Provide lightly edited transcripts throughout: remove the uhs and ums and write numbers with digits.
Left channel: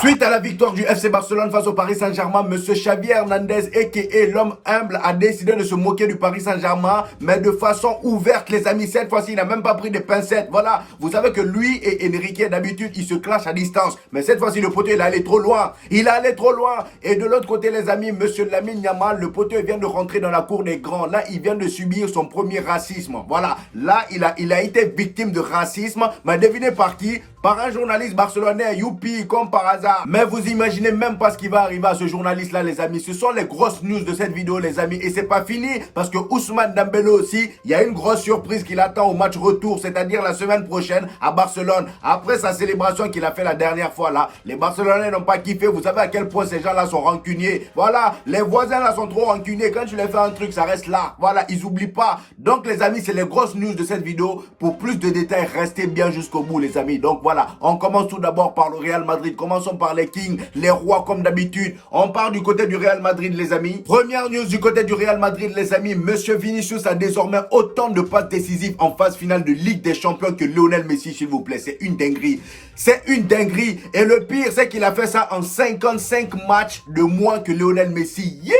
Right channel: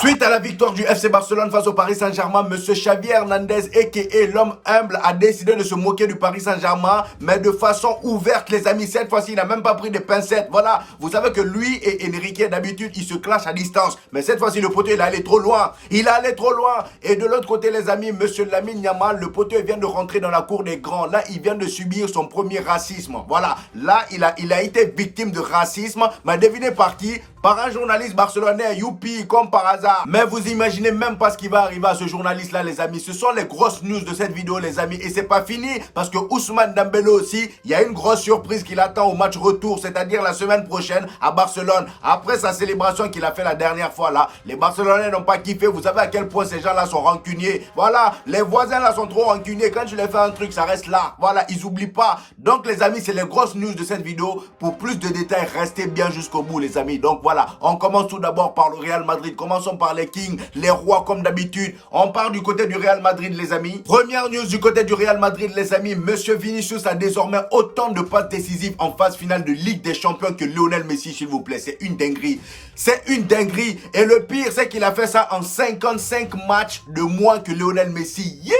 Suite à la victoire du FC Barcelone face au Paris Saint-Germain, Monsieur Xavi Hernandez, a.k.a. l'homme humble, a décidé de se moquer du Paris Saint-Germain, mais de façon ouverte, les amis. Cette fois-ci, il n'a même pas pris de pincettes. Voilà, vous savez que lui et Enrique, d'habitude, ils se clashent à distance. Mais cette fois-ci, le poteau, il est allé trop loin. Il est allé trop loin. Et de l'autre côté, les amis, Monsieur Lamine Yamal, le poteau, il vient de rentrer dans la cour des grands. Là, il vient de subir son premier racisme. Voilà, là, il a été victime de racisme. Mais devinez par qui? Par un journaliste barcelonais, youpi, comme par hasard. Mais vous imaginez même pas ce qui va arriver à ce journaliste-là, les amis. Ce sont les grosses news de cette vidéo, les amis. Et c'est pas fini, parce que Ousmane Dembélé aussi, il y a une grosse surprise qui l'attend au match retour, c'est-à-dire la semaine prochaine à Barcelone. Après sa célébration qu'il a fait la dernière fois là, les Barcelonais n'ont pas kiffé. Vous savez à quel point ces gens-là sont rancuniers. Voilà, les voisins là sont trop rancuniers. Quand tu les fais un truc, ça reste là. Voilà, ils oublient pas. Donc les amis, c'est les grosses news de cette vidéo. Pour plus de détails, restez bien jusqu'au bout, les amis. Donc voilà. On commence tout d'abord par le Real Madrid. Commençons par les Kings, les rois comme d'habitude. On part du côté du Real Madrid, les amis. Première news du côté du Real Madrid, les amis. Monsieur Vinicius a désormais autant de passes décisives en phase finale de Ligue des Champions que Lionel Messi, s'il vous plaît. C'est une dinguerie. C'est une dinguerie. Et le pire, c'est qu'il a fait ça en 55 matchs de moins que Lionel Messi. Yeah!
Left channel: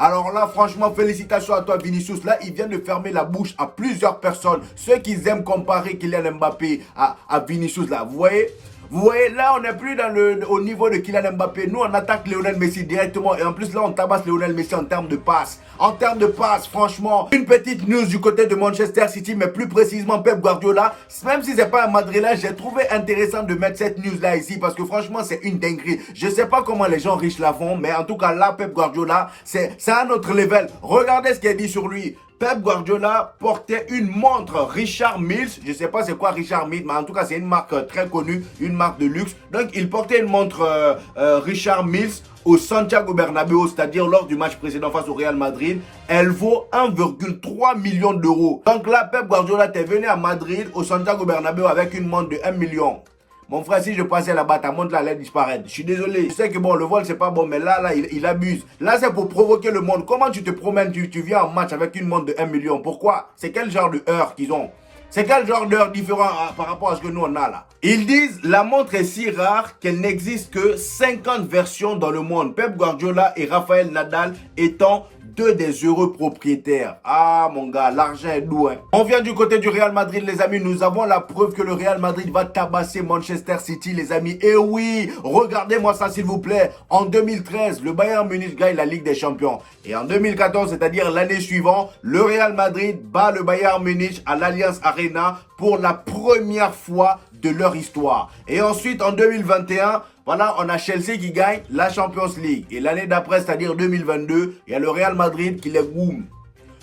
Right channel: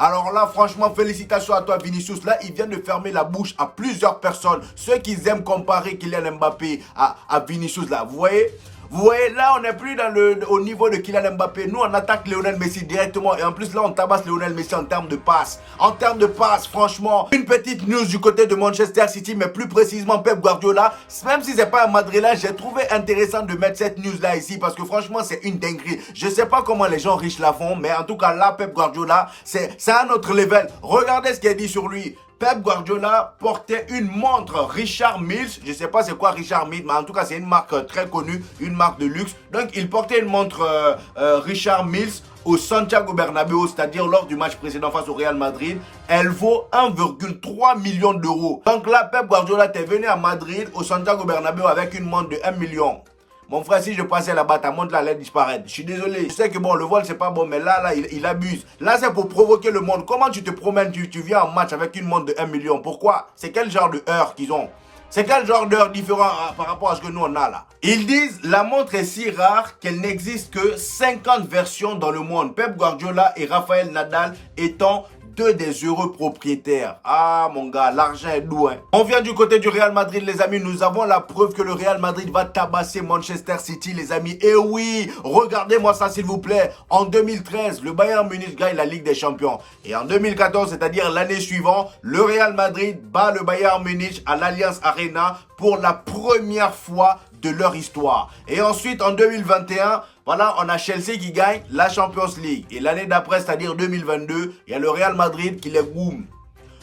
Alors là, franchement, félicitations à toi, Vinicius. Là, il vient de fermer la bouche à plusieurs personnes. Ceux qui aiment comparer Kylian Mbappé à Vinicius, là, vous voyez? Vous voyez, là, on n'est plus au niveau de Kylian Mbappé. Nous, on attaque Lionel Messi directement. Et en plus, là, on tabasse Lionel Messi en termes de passes. En termes de passes, franchement. Une petite news du côté de Manchester City, mais plus précisément Pep Guardiola. Même si c'est pas un Madrilène, j'ai trouvé intéressant de mettre cette news-là ici. Parce que franchement, c'est une dinguerie. Je sais pas comment les gens riches la font. Mais en tout cas, là, Pep Guardiola, c'est un autre level. Regardez ce qu'il a dit sur lui. Pep Guardiola portait une montre Richard Mille. Je ne sais pas c'est quoi Richard Mille, mais en tout cas, c'est une marque très connue, une marque de luxe. Donc, il portait une montre Richard Mille au Santiago Bernabéu, c'est-à-dire lors du match précédent face au Real Madrid. Elle vaut 1,3 million d'euros. Donc là, Pep Guardiola était venu à Madrid, au Santiago Bernabéu, avec une montre de 1 million. Mon frère, si je passais là-bas, ta montre là allait disparaître. Je suis désolé. Je sais que bon, le vol, c'est pas bon, mais là, il abuse. Là, c'est pour provoquer le monde. Comment tu te promènes, tu viens en match avec une montre de 1 million? Pourquoi? C'est quel genre de heure qu'ils ont? C'est quel genre d'heure différent par rapport à ce que nous, on a là? Ils disent, la montre est si rare qu'elle n'existe que 50 versions dans le monde. Pep Guardiola et Rafael Nadal étant deux des heureux propriétaires. Ah mon gars, l'argent est doux. Hein. On vient du côté du Real Madrid, les amis. Nous avons la preuve que le Real Madrid va tabasser Manchester City, les amis. Et oui, regardez-moi ça s'il vous plaît. En 2013, le Bayern Munich gagne la Ligue des Champions. Et en 2014, c'est-à-dire l'année suivante, le Real Madrid bat le Bayern Munich à l'Allianz Arena pour la première fois de leur histoire. Et ensuite, en 2021, voilà, on a Chelsea qui gagne la Champions League. Et l'année d'après, c'est-à-dire 2022, il y a le Real Madrid qui les goûme.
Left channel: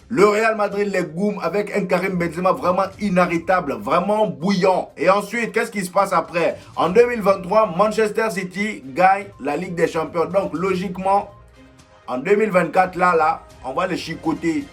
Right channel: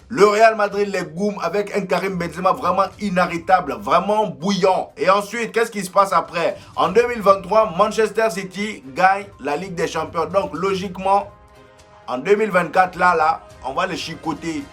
Le Real Madrid les goûme avec un Karim Benzema vraiment inarrêtable, vraiment bouillant. Et ensuite, qu'est-ce qui se passe après? En 2023, Manchester City gagne la Ligue des Champions. Donc, logiquement, en 2024, là, on va les chicoter.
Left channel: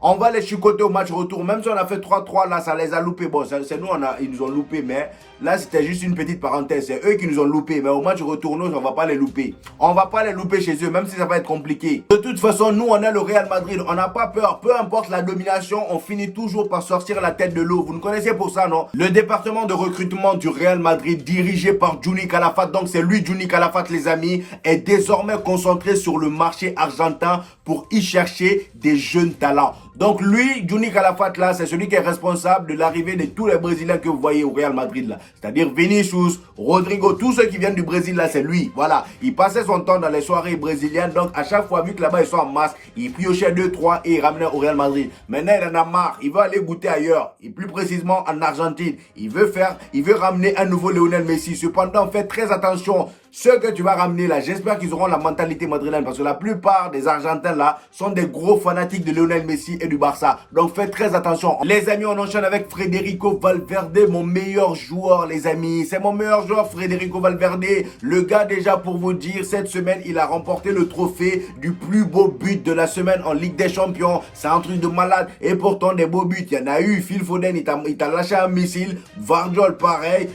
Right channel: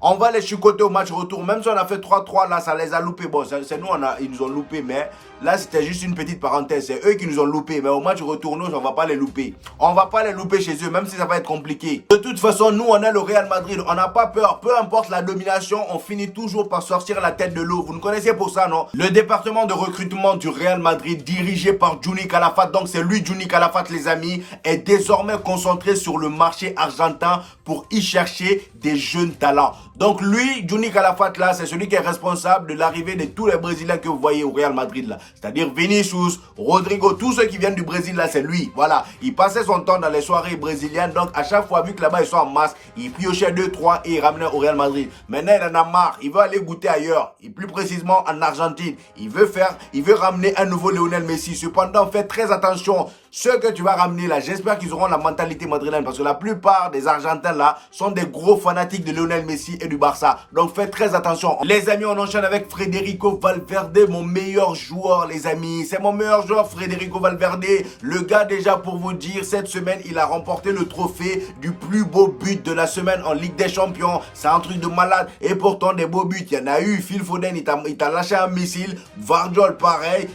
On va les chicoter au match retour. Même si on a fait 3-3 là, ça les a loupés. Bon, c'est nous, ils nous ont loupés. Mais là, c'était juste une petite parenthèse. C'est eux qui nous ont loupés. Mais au match retour, nous, on va pas les louper. On va pas les louper chez eux, même si ça va être compliqué. De toute façon, nous, on est le Real Madrid. On n'a pas peur. Peu importe la domination, on finit toujours par sortir la tête de l'eau. Vous nous connaissez pour ça, non? Le département de recrutement du Real Madrid, dirigé par Djuni Calafat, donc c'est lui, Djuni Calafat, les amis, est désormais concentré sur le marché argentin pour y chercher des jeunes talents. Donc lui, Djuni Calafat là, c'est celui qui est responsable de l'arrivée de tous les Brésiliens que vous voyez au Real Madrid là. C'est-à-dire Vinicius, Rodrigo, tous ceux qui viennent du Brésil là, c'est lui. Voilà, il passait son temps dans les soirées brésiliennes. Donc à chaque fois, vu que là-bas ils sont en masse, il piochait 2-3 et il ramenait au Real Madrid. Maintenant il en a marre, il veut aller goûter ailleurs. Et plus précisément en Argentine. Il veut ramener un nouveau Lionel Messi. Cependant, faites très attention. Ceux que tu vas ramener là, j'espère qu'ils auront la mentalité madrilène parce que la plupart des Argentins là sont des gros fanatiques de Lionel Messi et du Barça. Donc faites très attention. Les amis, on enchaîne avec Federico Valverde, mon meilleur joueur, les amis. C'est mon meilleur joueur, Federico Valverde. Le gars, déjà pour vous dire, cette semaine, il a remporté le trophée du plus beau but de la semaine en Ligue des Champions. C'est un truc de malade. Et pourtant, des beaux buts, il y en a eu. Phil Foden, il t'a lâché un missile. Vardiol, pareil.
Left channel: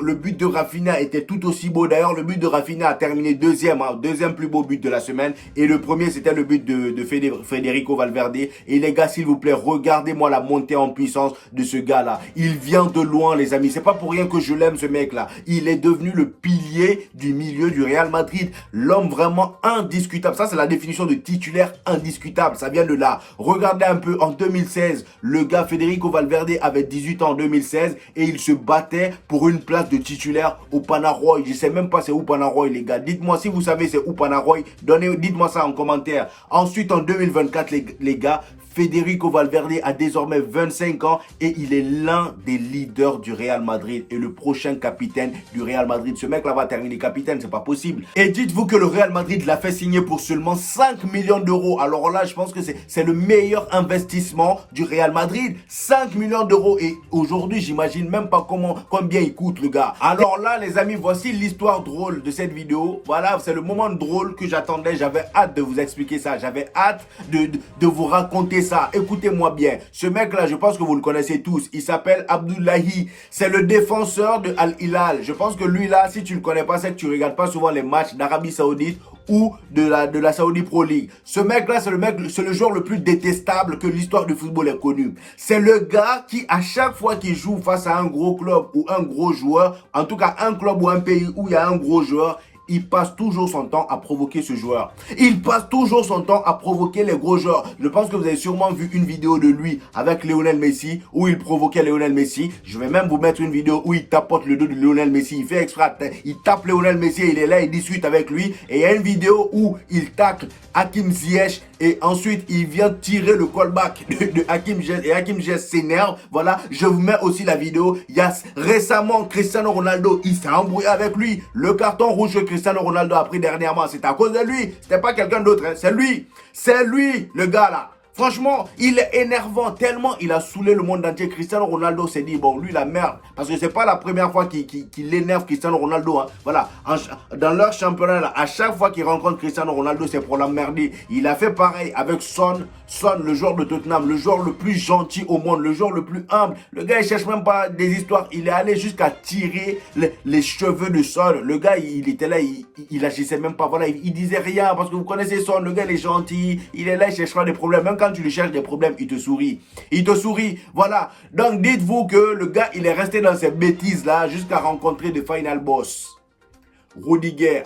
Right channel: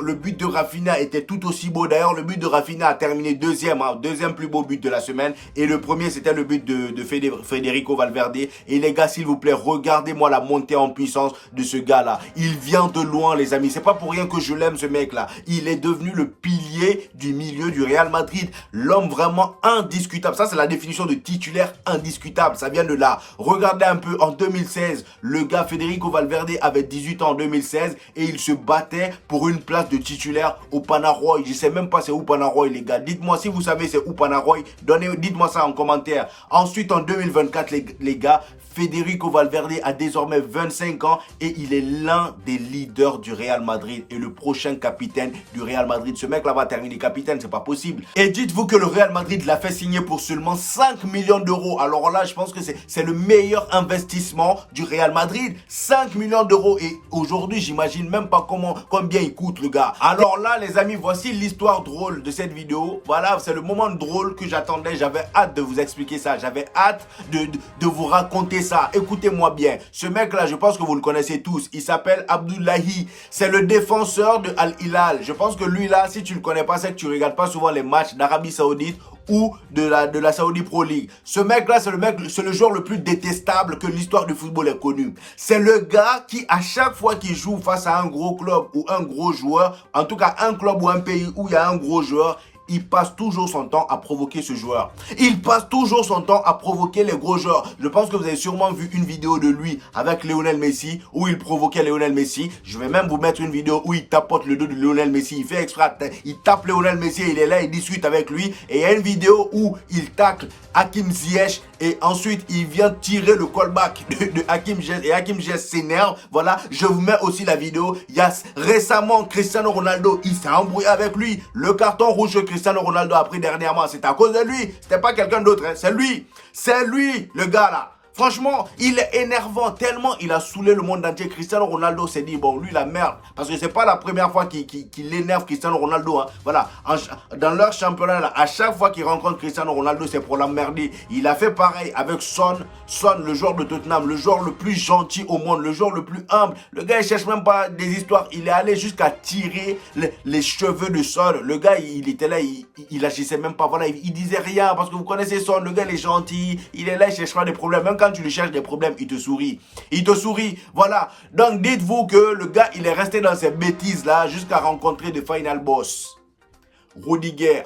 Le but de Rafinha était tout aussi beau. D'ailleurs, le but de Rafinha a terminé deuxième plus beau but de la semaine. Et le premier, c'était le but de Federico Valverde. Et il est gars, s'il vous plaît, regardez-moi la montée en puissance de ce gars-là. Il vient de loin, les amis. C'est pas pour rien que je l'aime, ce mec-là. Il est devenu le pilier du milieu du Real Madrid. L'homme vraiment indiscutable. Ça, c'est la définition de titulaire indiscutable. Ça vient de là. Regardez un peu, en 2016, le gars Federico Valverde avait 18 ans en 2016 et il se battait pour une place de titulaire au Panaroy. Je sais même pas c'est où Panaroy, les gars. Dites-moi si vous savez c'est où Panaroy. Dites-moi ça en commentaire. Ensuite, en 2024, les gars, Federico Valverde a désormais 25 ans et il est l'un des leaders du Real Madrid et le prochain capitaine du Real Madrid. Ce mec-là va terminer capitaine, c'est pas possible. Et dites-vous que le Real Madrid l'a fait signer pour seulement 5 millions d'euros. Alors là, je pense que c'est le meilleur investissement du Real Madrid. 5 millions d'euros et aujourd'hui, j'imagine même pas combien il coûte le gars. Alors là, les amis, voici l'histoire drôle de cette vidéo. Voilà, c'est le moment drôle que j'attendais. J'avais hâte de vous expliquer ça. J'avais hâte de vous raconter ça. Écoutez-moi bien. Ce mec-là, je pense que vous le connaissez tous. Il s'appelle Abdullahi. C'est le défenseur de Al Hilal. Je pense que lui là, si tu ne le connais pas, c'est que tu ne regardes pas souvent les matchs d'Arabie Saoudite ou de la Saudi Pro League. Ce mec-là, c'est le joueur le plus détestable que l'histoire du football ait connu. C'est le gars qui, à chaque fois qu'il joue face à un gros club ou un gros joueur, en tout cas un club ou un pays où il y a un gros joueur, il passe toujours son temps à provoquer ce joueur. Il passe toujours son temps à provoquer les gros joueurs. Je pense que vous avez sûrement vu une vidéo de lui avec Lionel Messi où il provoquait Lionel Messi. Je vais même vous mettre une vidéo où il tapote le dos de Lionel Messi. Il fait exprès, il tape Lionel Messi et il est là, il discute avec lui. Et il y a une vidéo où il tacle Hakim Ziyech et ensuite il vient tirer le callback de Hakim Ziyech et Hakim Ziyech s'énerve. Voilà, je vous mets aussi la vidéo. Il y a récemment Cristiano Ronaldo, il s'est embrouillé avec lui. Le carton rouge que Cristiano Ronaldo a pris dernièrement, c'est à cause de lui. C'était pas quelqu'un d'autre, hein. C'est lui. C'est lui, le gars là. Franchement, il est énervant tellement il a saoulé le monde entier. Cristiano Ronaldo s'est dit, bon, lui, la merde. Parce que c'est pas la première fois qu'il énerve Cristiano Ronaldo. Hein. Voilà, dans leur championnat, là, à chaque fois qu'il rencontre Cristiano Ronaldo, c'est pour l'emmerder. Il a fait pareil avec Son, le joueur de Tottenham, le joueur le plus gentil au monde, le joueur le plus humble. Le gars, il cherche même pas des histoires. Il est allé jusqu'à tirer les cheveux de Son. Le gars, il était là, il agissait même pas. Voilà, il disait rien parce que vous connaissez Son. Le gars, il est gentil. Il est là, il cherche pas des problèmes. Même quand tu lui cherches des problèmes, il te sourit. Il te sourit. Voilà. Donc, dites-vous que le gars, il est resté dans ces bêtises-là jusqu'à rencontrer le final boss. Rudiger.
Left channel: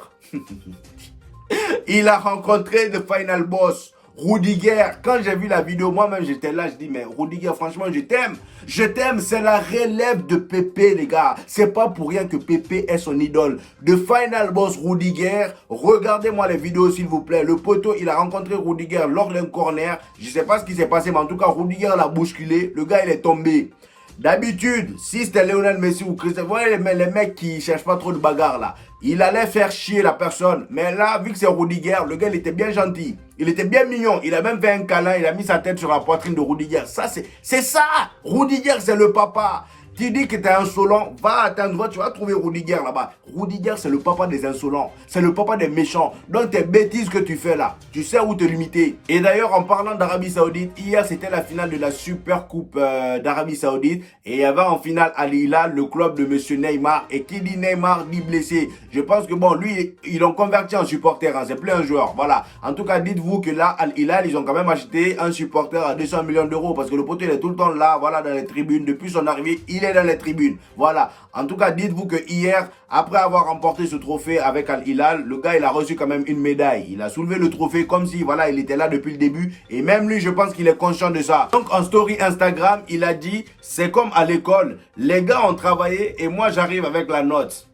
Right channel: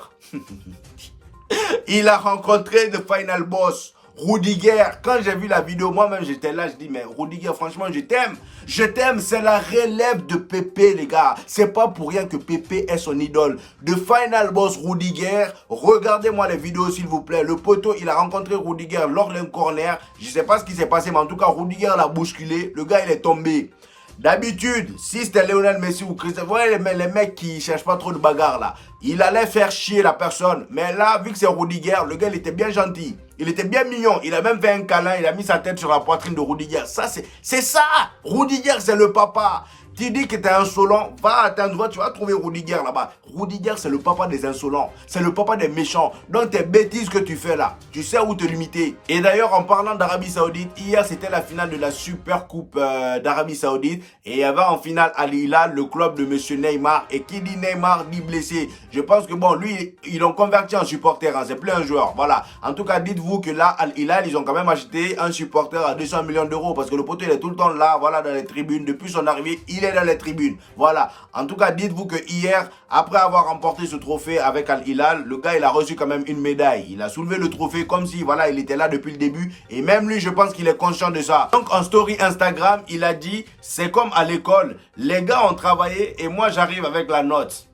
Il a rencontré le final boss. Rudiger, quand j'ai vu la vidéo, moi-même j'étais là, je dis mais Rudiger, franchement je t'aime. Je t'aime, c'est la relève de Pépé les gars. C'est pas pour rien que Pépé est son idole. De final boss Rudiger, regardez-moi les vidéos s'il vous plaît. Le poteau, il a rencontré Rudiger lors d'un corner. Je sais pas ce qui s'est passé, mais en tout cas Rudiger l'a bousculé. Le gars il est tombé. D'habitude, si c'était Lionel Messi ou Cristiano, vous voyez les mecs qui cherchent pas trop de bagarre là. Il allait faire chier la personne. Mais là, vu que c'est Rudiger, le gars, il était bien gentil. Il était bien mignon. Il a même fait un câlin. Il a mis sa tête sur la poitrine de Rudiger. Ça, c'est ça. Rudiger, c'est le papa. Tu dis que tu es insolent, va à un endroit, tu vas trouver Rudiger là-bas. Rudiger, c'est le papa des insolents. C'est le papa des méchants. Donc, tes bêtises que tu fais là, tu sais où te limiter. Et d'ailleurs, en parlant d'Arabie Saoudite, hier, c'était la finale de la Super Coupe d'Arabie Saoudite. Et il y avait en finale Al Hilal, le club de monsieur Neymar. Et qui dit Neymar, dit blessé. Je pense que bon, lui, ils l'ont converti en supporter. Hein, c'est plus un joueur. Voilà. En tout cas, dites-vous que là, Al Hilal, ils ont quand même acheté un supporter à 200 millions d'euros. Parce que le poteau, il est tout le temps là, voilà, dans les tribunes. Depuis son arrivée, il est dans les tribunes. Voilà. En tout cas, dites-vous que hier, après avoir remporté ce trophée avec Al Hilal, le gars, il a reçu quand même une médaille. Il a soulevé le trophée comme si, voilà, il était là depuis le début. Et même lui, je pense qu'il est conscient de ça. Donc, en story Instagram, il a dit, c'est comme à l'école. Les gars ont travaillé et moi, j'arrive avec la note.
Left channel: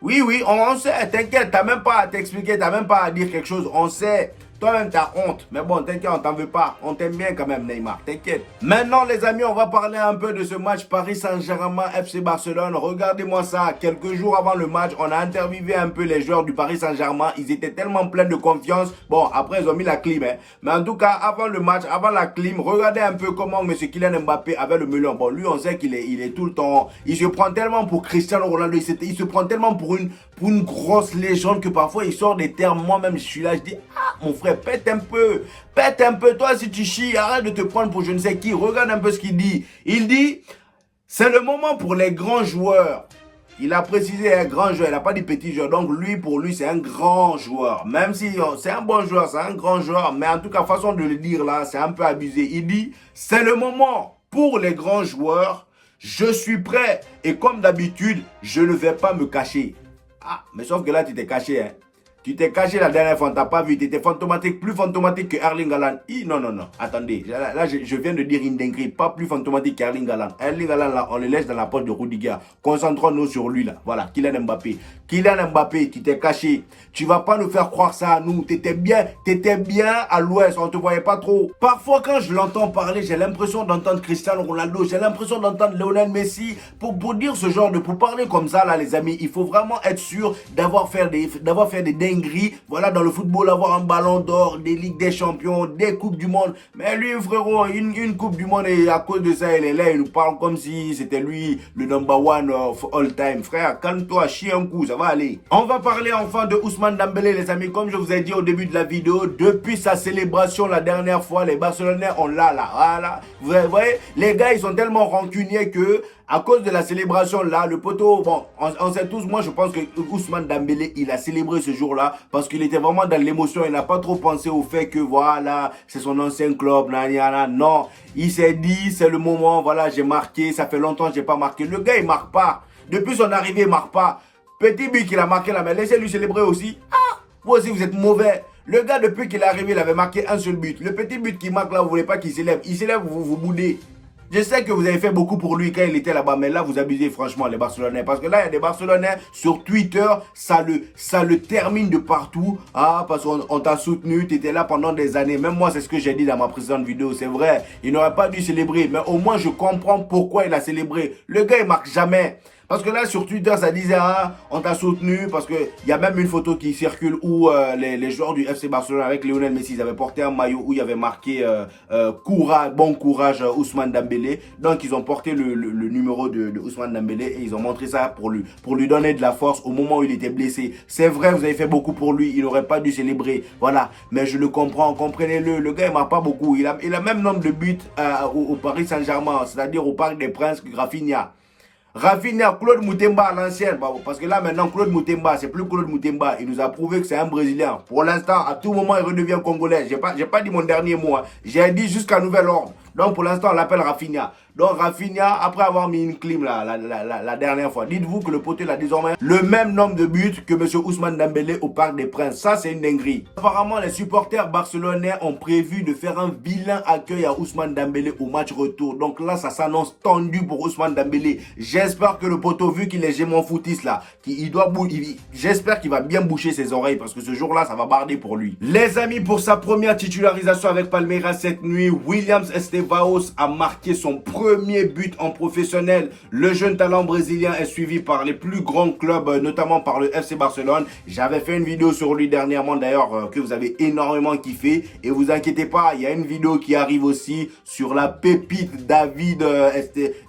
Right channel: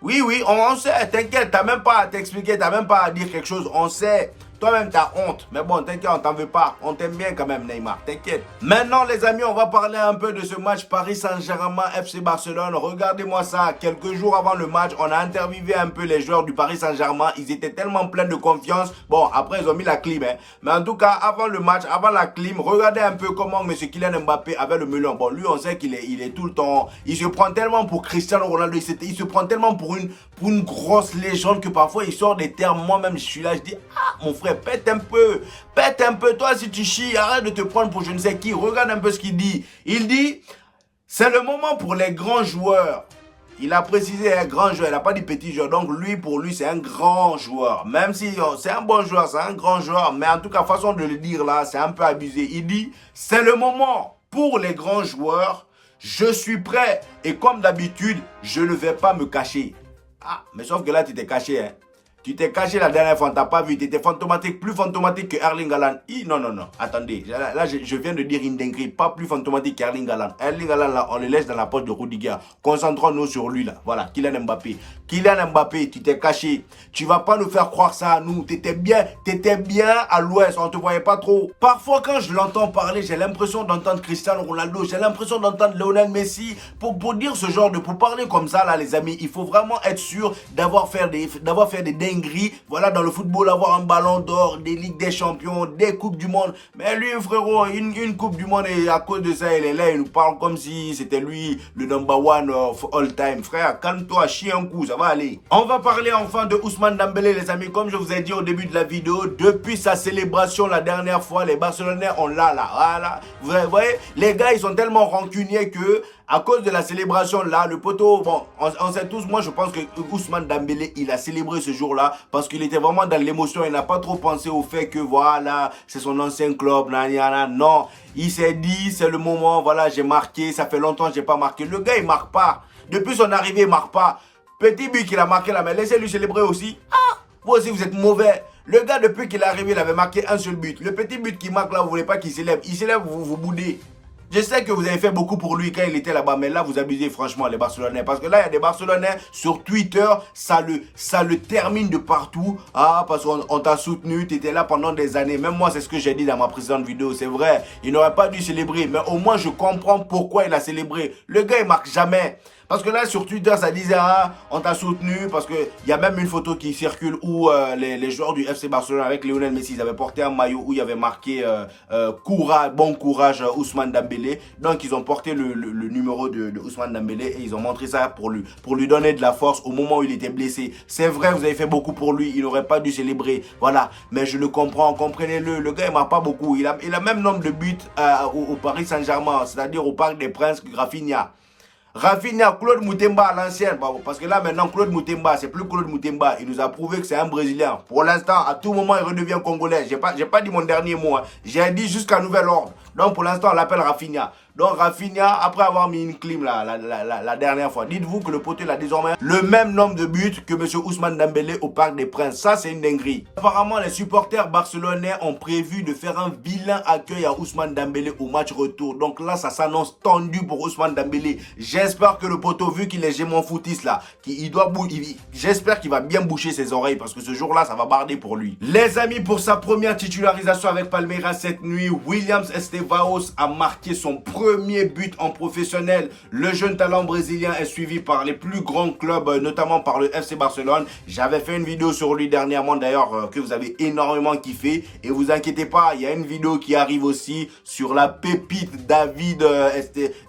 Oui, oui, on sait. T'inquiète, t'as même pas à t'expliquer, t'as même pas à dire quelque chose. On sait. Toi-même, t'as honte. Mais bon, t'inquiète, on t'en veut pas. On t'aime bien quand même, Neymar. T'inquiète. Maintenant, les amis, on va parler un peu de ce match Paris Saint-Germain FC Barcelone. Regardez-moi ça. Quelques jours avant le match, on a interviewé un peu les joueurs du Paris Saint-Germain. Ils étaient tellement pleins de confiance. Bon, après, ils ont mis la clim. Hein. Mais en tout cas, avant le match, avant la clim, regardez un peu comment M. Kylian Mbappé avait le melon. Bon, lui, on sait qu'il est tout le temps... Il se prend tellement pour Cristiano Ronaldo. Il se prend tellement pour une grosse légende que parfois, il sort des termes. Moi-même, je suis là, je dis... Ah, mon frère, pète un peu. Pète un peu. Toi, si tu chies, arrête de te prendre pour je ne sais qui. Regarde un peu ce qu'il dit. Il dit, c'est le moment pour les grands joueurs Il a précisé un grand joueur, il n'a pas dit petit joueur. Donc lui, pour lui, c'est un grand joueur. Même si c'est un bon joueur, c'est un grand joueur. Mais en tout cas, façon de le dire là, c'est un peu abusé. Il dit, c'est le moment pour les grands joueurs. Je suis prêt. Et comme d'habitude, je ne vais pas me cacher. Ah, mais sauf que là, tu t'es caché, hein. Tu t'es caché la dernière fois, on t'a pas vu. Tu étais fantomatique, plus fantomatique que Erling Haaland. Non, non, non. Attendez, là je viens de dire une dinguerie. Pas plus fantomatique qu'Erling Haaland. Erling Haaland, là, on le laisse dans la poche de Rudiger. Concentrons-nous sur lui, là. Voilà, Kylian Mbappé. Kylian Mbappé, tu t'es caché. Tu vas pas nous faire croire ça à nous. T'étais bien à l'ouest. On te voyait pas trop. Parfois, quand je l'entends parler, j'ai l'impression d'entendre Cristiano Ronaldo. J'ai l'impression d'entendre Lionel Messi. Pour dire ce genre pour parler comme ça, là, les amis, il faut vraiment être sûr d'avoir fait des dingueries. Voilà, dans le football, avoir un ballon d'or, des Ligues des Champions, des Coupes du Monde. Mais lui, frérot, une Coupe du Monde, et à cause de ça, il est là, il nous parle comme si c'était lui le number one of all time. Frère, calme-toi, chie un coup, ça va aller. On va parler enfin de Ousmane Dembélé, les amis. Comme je vous ai dit au début de la vidéo, depuis sa célébration la dernière fois, les Barcelonais, on l'a là. Voilà. Vous voyez, les gars, ils sont tellement rancuniers que, à cause de la célébration là, le poteau, bon, on sait tous, moi je pense que Ousmane Dembélé, il a célébré ce jour-là parce qu'il était vraiment dans l'émotion. Il n'a pas trop pensé au fait que voilà, c'est son ancien club, non. Il s'est dit, c'est le moment, voilà, j'ai marqué, ça fait longtemps que j'ai pas marqué. Le gars, il marque pas. Depuis son arrivée, il marque pas. Petit but qu'il a marqué là, mais laissez-lui célébrer aussi. Ah, vous aussi, vous êtes mauvais. Le gars, depuis qu'il est arrivé, il avait marqué un seul but. Le petit but qu'il marque là, vous voulez pas qu'il s'élève. Il s'élève, vous boudez. Je sais que vous avez fait beaucoup pour lui quand il était là-bas, mais là, vous abusez franchement, les Barcelonais. Parce que là, il y a des Barcelonais sur Twitter, ça le termine de partout. Ah, parce qu'on t'a soutenu, tu étais là pendant des années. Même moi, c'est ce que j'ai dit dans ma précédente vidéo. C'est vrai, il n'aurait pas dû célébrer. Mais au moins, je comprends pourquoi il a célébré. Le gars, il marque jamais. Parce que là, sur Twitter, ça disait, ah, on t'a soutenu. Parce qu'il y a même une photo qui circule où les joueurs du FC Barcelone avec Lionel Messi, ils avaient porté un maillot où il y avait marqué bon courage Ousmane Dembélé. Donc, ils ont porté le numéro de Ousmane Dembélé et ils ont montré ça pour lui donner de la force au moment où il était blessé. C'est vrai, vous avez fait beaucoup pour lui. Il n'aurait pas dû célébrer. Voilà. Mais je le comprends. Comprenez-le. Le gars, il marque pas beaucoup. Il a même nombre de buts au Paris Saint-Germain, c'est-à-dire au Parc des Princes, Rafinha, Claude Moutemba à l'ancienne, parce que là maintenant Claude Moutemba, c'est plus Claude Moutemba, il nous a prouvé que c'est un Brésilien. Pour l'instant, à tout moment, il redevient Congolais. J'ai pas dit mon dernier mot, hein. J'ai dit jusqu'à nouvel ordre. Donc pour l'instant, on l'appelle Rafinha. Donc Rafinha, après avoir mis une clim la dernière fois, dites-vous que le poteau a désormais le même nombre de buts que M. Ousmane Dembélé au Parc des Princes. Ça, c'est une dinguerie. Apparemment, les supporters barcelonais ont prévu de faire un vilain accueil à Ousmane Dembélé au match retour. Donc là, ça s'annonce tendu pour Ousmane Dembélé. J'espère que le poteau, vu qu'il est gémon footiste là, j'espère qu'il va bien boucher ses oreilles parce que ce jour-là, ça va barder pour lui. Les amis, pour sa première titularisation avec Palmeiras cette nuit, Williams Estevaos a marqué son premier but en professionnel. Le jeune talent brésilien est suivi par les plus grands clubs, notamment par le FC Barcelone. J'avais fait une vidéo sur lui dernièrement d'ailleurs que vous avez énormément kiffé. Et vous inquiétez pas, il y a une vidéo qui arrive aussi sur la pépite David,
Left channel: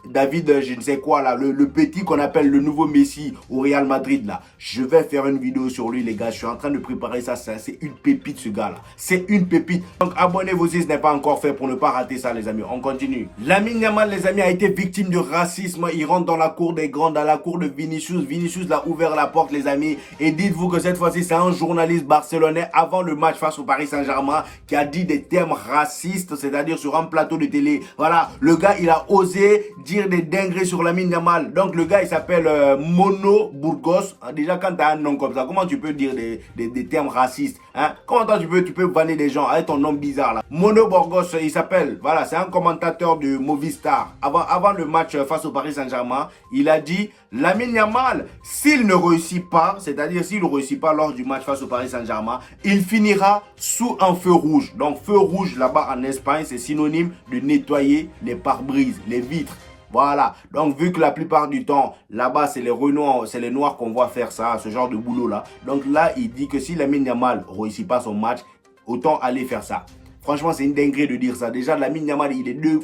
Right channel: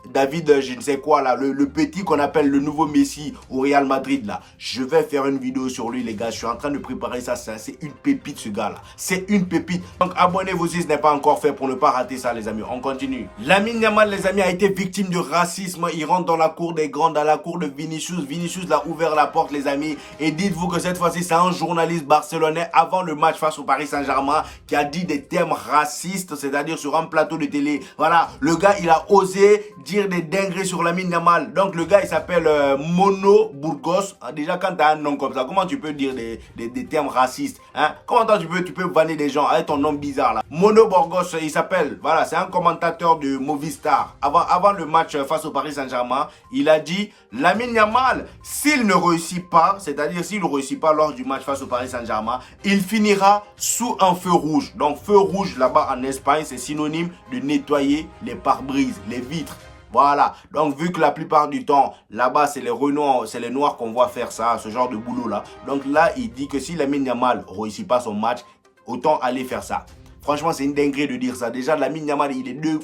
je ne sais quoi là, le petit qu'on appelle le nouveau Messi au Real Madrid là. Je vais faire une vidéo sur lui les gars, je suis en train de préparer ça, c'est une pépite ce gars là. C'est une pépite. Donc abonnez-vous si ce n'est pas encore fait pour ne pas rater ça les amis. On continue. Lamine Yamal les amis a été victime de racisme. Il rentre dans la cour des grands, dans la cour de Vinicius. Vinicius l'a ouvert la porte les amis. Et dites-vous que cette fois-ci c'est un journaliste barcelonais avant le match face au Paris Saint-Germain qui a dit des termes racistes, c'est-à-dire sur un plateau de télé. Voilà, le gars il a osé dire des dingueries sur Lamine Yamal. Donc le gars il s'appelle Mono Burgos. Déjà quand tu as un nom comme ça, comment tu peux dire des termes racistes hein? Comment tu peux vanner des gens avec ton nom bizarre là? Mono Burgos il s'appelle, voilà, c'est un commentateur de Movistar. Avant le match face au Paris Saint-Germain, il a dit Lamine Yamal, s'il ne réussit pas, c'est-à-dire s'il ne réussit pas lors du match face au Paris Saint-Germain, il finira sous un feu rouge. Donc feu rouge là-bas en Espagne, c'est synonyme de nettoyer les pare-brises, les vitres. Voilà, donc vu que la plupart du temps, là-bas, c'est les noirs qu'on voit faire ça, ce genre de boulot-là. Donc là, il dit que si Lamine Yamal ne réussit pas son match, autant aller faire ça. Franchement, c'est une dinguerie de dire ça. Déjà, Lamine Yamal, il est 1000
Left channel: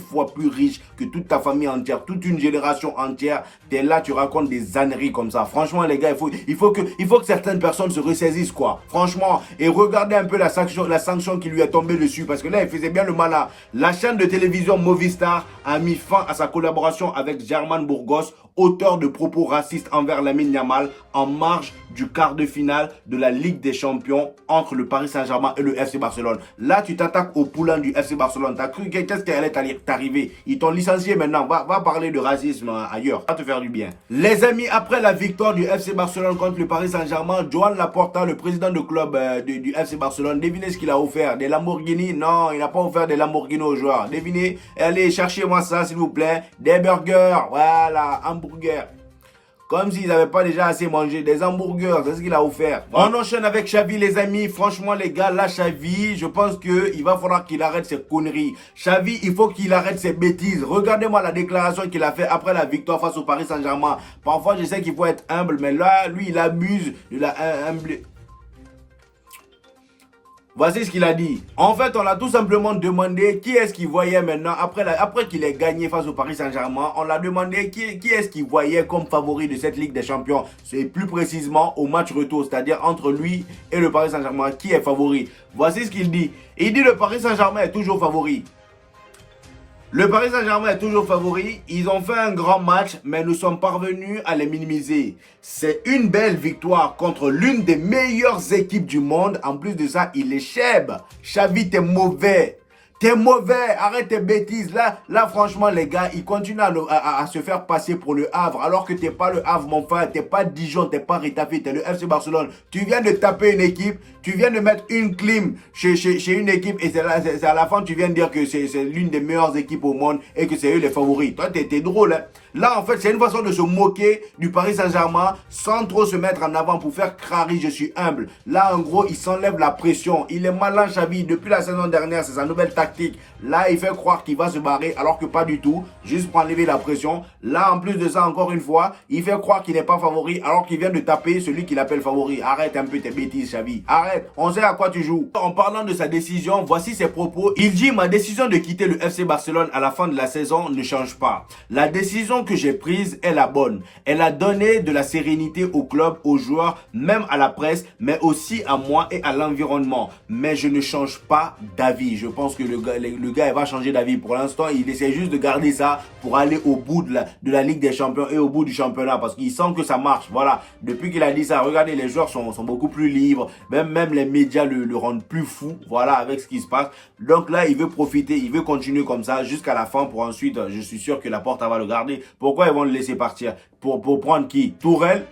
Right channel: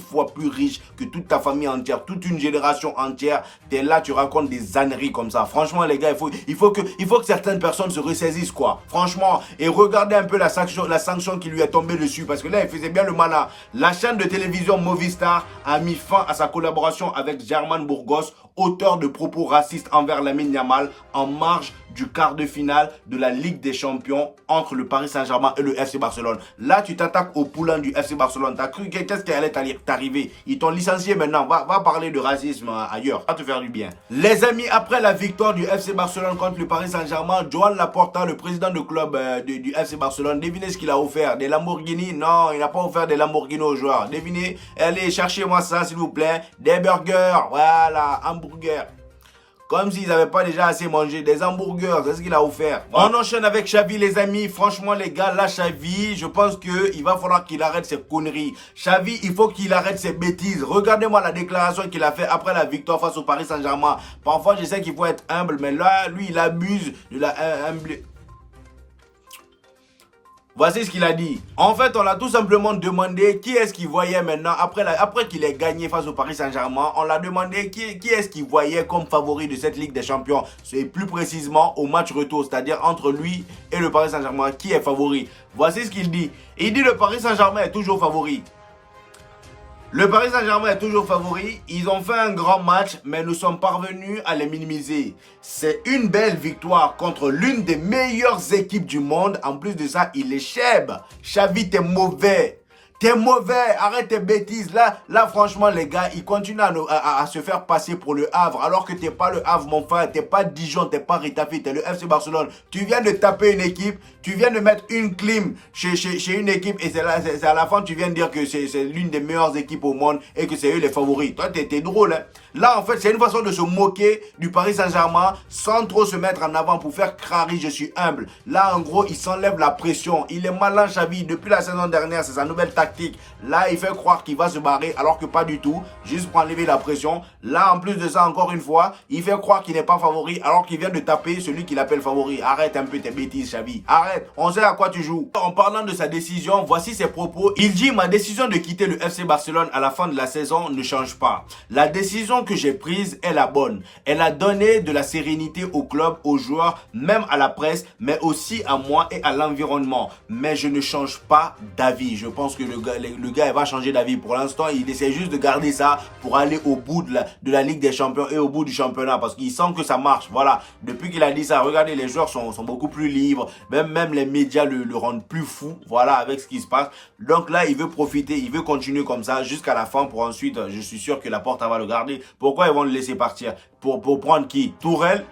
fois plus riche que toute ta famille entière, toute une génération entière. T'es là, tu racontes des âneries comme ça. Franchement, les gars, il faut que certaines personnes se ressaisissent, quoi. Franchement, et regardez un peu la sanction qui lui est tombée dessus, parce que là, il faisait bien le malin. La chaîne de télévision Movistar a mis fin à sa collaboration avec German Burgos, auteur de propos racistes envers Lamine Yamal, en marge du quart de finale de la Ligue des Champions entre le Paris Saint-Germain et le FC Barcelone. Là, tu t'attaques au poulain du FC Barcelone. T'as cru qu'est-ce qui allait t'arriver? Ils t'ont licencié maintenant. Va parler de racisme ailleurs. Va te faire du bien. Les amis, après la victoire du FC Barcelone contre le Paris Saint-Germain, Joan Laporta, le président du club du FC Barcelone, devinez ce qu'il a offert? Des Lamborghini? Non, il n'a pas offert des Lamborghini aux joueurs. Devinez? Allez, cherchez-moi ça, s'il vous plaît. Des burgers. Voilà, hamburgers. Comme s'ils n'avaient pas déjà assez mangé. Des hamburgers, c'est ce qu'il a offert. On enchaîne avec Xavi, les amis. Franchement, les gars, là, Xavi, je pense qu'il va falloir qu'il arrête ses conneries. Xavi, il faut qu'il arrête ses bêtises. Regardez-moi la déclaration qu'il a fait après la victoire face au Paris Saint-Germain. Parfois, je sais qu'il faut être humble, mais là, lui, il abuse de la humble. Voici ce qu'il a dit. En fait, on a tout simplement demandé qui est-ce qu'il voyait maintenant, après qu'il ait gagné face au Paris Saint-Germain, on l'a demandé qui est-ce qu'il voyait comme favori de cette Ligue des Champions. C'est plus précisément au match retour, c'est-à-dire entre lui et le Paris Saint-Germain, qui est favori. Voici ce qu'il dit. Il dit le Paris Saint-Germain est toujours favori. Le Paris Saint-Germain est toujours favori. Ils ont fait un grand match, mais nous sommes parvenus à les minimiser. C'est une belle victoire contre l'une des meilleures équipes du monde. En plus de ça, il est chèbe. Xavi, t'es mauvais. T'es mauvais, arrête tes bêtises. Là, franchement, les gars, ils continuent à se faire passer pour le Havre. Alors que t'es pas le Havre, mon frère. T'es pas Dijon, t'es pas Retafe, t'es le FC Barcelone. Tu viens de taper une équipe. Tu viens de mettre une clim chez une équipe. Et c'est à la fin, tu viens de dire que c'est l'une des meilleures équipes au monde. Et que c'est eux les favoris. Toi, t'es drôle, hein. Là, en fait, c'est une façon de se moquer du Paris Saint-Germain sans trop se mettre en avant pour faire crari, je suis humble. Là, en gros, il s'enlève la pression. Il est malin, Xavi. Depuis la saison dernière, c'est sa nouvelle tactique. Là, il fait croire qu'il va se barrer alors que pas du tout. Juste pour enlever la pression. Là, en plus de ça, encore une fois, il fait croire qu'il n'est pas favori alors qu'il vient de taper celui qu'il appelle favori. Arrête un peu tes bêtises, Xavi. Arrête. On sait à quoi tu joues. En parlant de sa décision, voici ses propos. Il dit: ma décision de quitter le FC Barcelone à la fin de la saison ne change pas. La décision que j'ai prise est la bonne. Elle a donné de la sérénité au club, aux joueurs, même à la presse, mais aussi à moi et à l'environnement. Mais je ne change pas d'avis. Je pense que le gars il va changer d'avis. Pour l'instant, il essaie juste de garder ça pour aller au bout de la Ligue des Champions et au bout du championnat parce qu'il sent que ça marche. Voilà. Depuis qu'il a dit ça, regardez, les joueurs sont beaucoup plus libres. Même les médias le rendent plus fou. Voilà, avec ce qui se passe. Donc là, il veut profiter, il veut continuer comme ça jusqu'à la fin pour ensuite, je suis sûr que Laporta va le garder. Pourquoi ils vont le laisser partir? Pour prendre qui? Tourelle,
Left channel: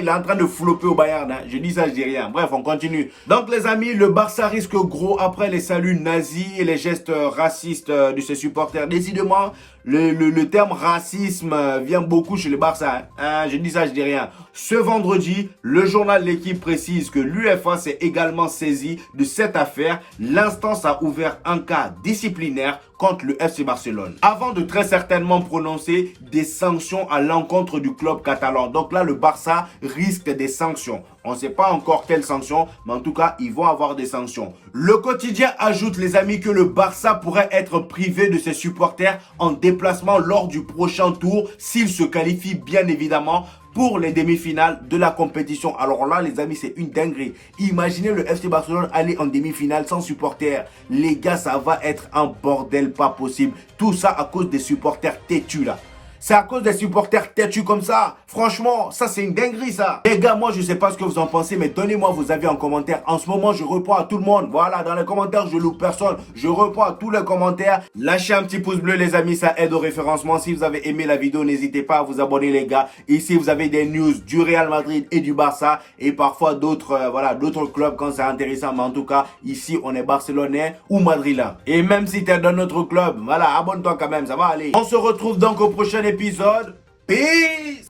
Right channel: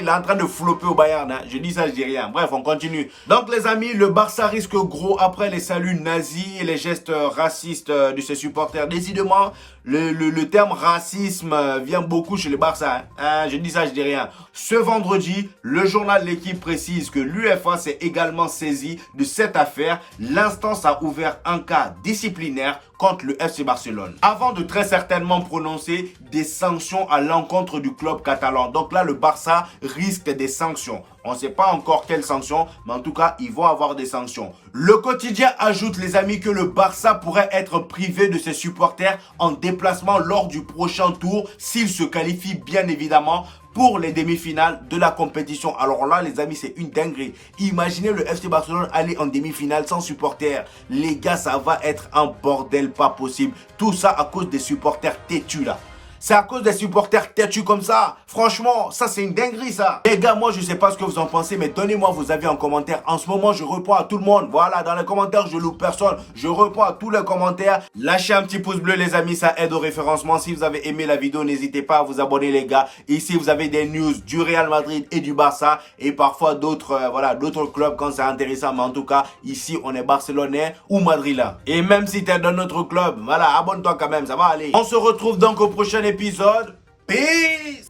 il est en train de flopper au Bayern. Hein. Je dis ça, je dis rien. Bref, on continue. Donc, les amis, le Barça risque gros après les saluts nazis et les gestes racistes de ses supporters. Décidément, le terme racisme vient beaucoup chez le Barça. Hein. Je dis ça, je dis rien. Ce vendredi, le journal L'Équipe précise que l'UEFA s'est également saisi de cette affaire. L'instance a ouvert un cas disciplinaire contre le FC Barcelone, avant de très certainement prononcer des sanctions à l'encontre du club catalan. Donc là, le Barça risque des sanctions. On ne sait pas encore quelles sanctions, mais en tout cas, ils vont avoir des sanctions. Le quotidien ajoute, les amis, que le Barça pourrait être privé de ses supporters en déplacement lors du prochain tour, s'il se qualifie bien évidemment pour les demi-finales de la compétition. Alors là, les amis, c'est une dinguerie. Imaginez le FC Barcelone aller en demi-finale sans supporters. Les gars, ça va être un bordel pas possible. Tout ça à cause des supporters têtus là. C'est à cause des supporters têtus comme ça. Franchement, ça c'est une dinguerie ça. Les gars, moi je sais pas ce que vous en pensez, mais donnez-moi vos avis en commentaire. En ce moment, je réponds à tout le monde. Voilà, dans les commentaires, je loupe personne. Je réponds à tous les commentaires. Lâchez un petit pouce bleu les amis, ça aide au référencement. Si vous avez aimé la vidéo, n'hésitez pas à vous abonner les gars. Ici, vous avez des news du Real Madrid et du Barça. Et parfois d'autres d'autres clubs quand c'est intéressant. Mais en tout cas, ici, on est barcelonais ou madrilène. Et même si tu es dans notre club, voilà, abonne-toi quand même, ça va aller. On se retrouve donc au prochain épisode. Peace!